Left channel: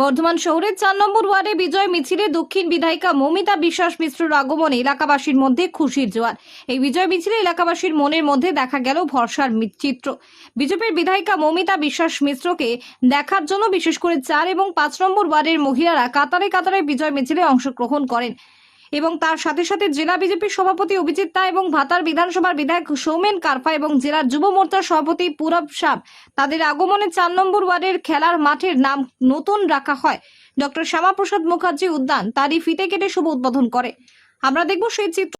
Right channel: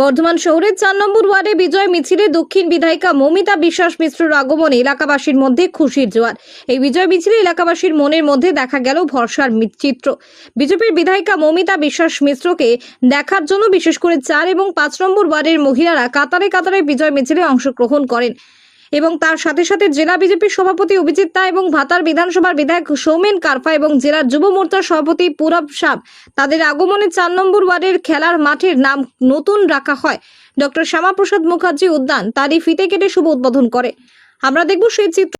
বর্ধমান শহরের 4 নম্বর ওয়ার্ডে বিজয় মিছিলে দক্ষিণ বিধায়িকা মমিতা বিশ্বাস মিশ্রর আগমনে এলাকাবাসীর মধ্যে খুশির জোয়ার। এই বিজয় মিছিলে এলাকাবাসীর মনের মধ্যে দেখা গেল ভরসার চিত্র। বিজেপির বিধায়িকা মমিতা বিশ্বাস মিশ্রকে দেখার জন্য বিশেষ করে 4 এবং 5 নম্বর ওয়ার্ডের মহিলারা কাতারে কাতারে বিজয় মিছিলে অংশগ্রহণ করেন এবং তার সাথে সাথে জেলা বিজেপির সভাপতি অভিজিৎ তা এবং ভাতার বিধানসভার বিধায়ক সৌমেন কারফা এবং জেলার যুব মোর্চার সভাপতি পুরব শাহ তাদের আগমনে 4 নম্বর ওয়ার্ডের খেলার মাঠের নাম নতুন রাখা হয় ডক্টর শ্যামাপ্রসাদ মুখার্জি উদ্যান। তারই ফিতে কেটে শুভ উদ্বোধন করে। আমরা দেখব সেই চিত্র।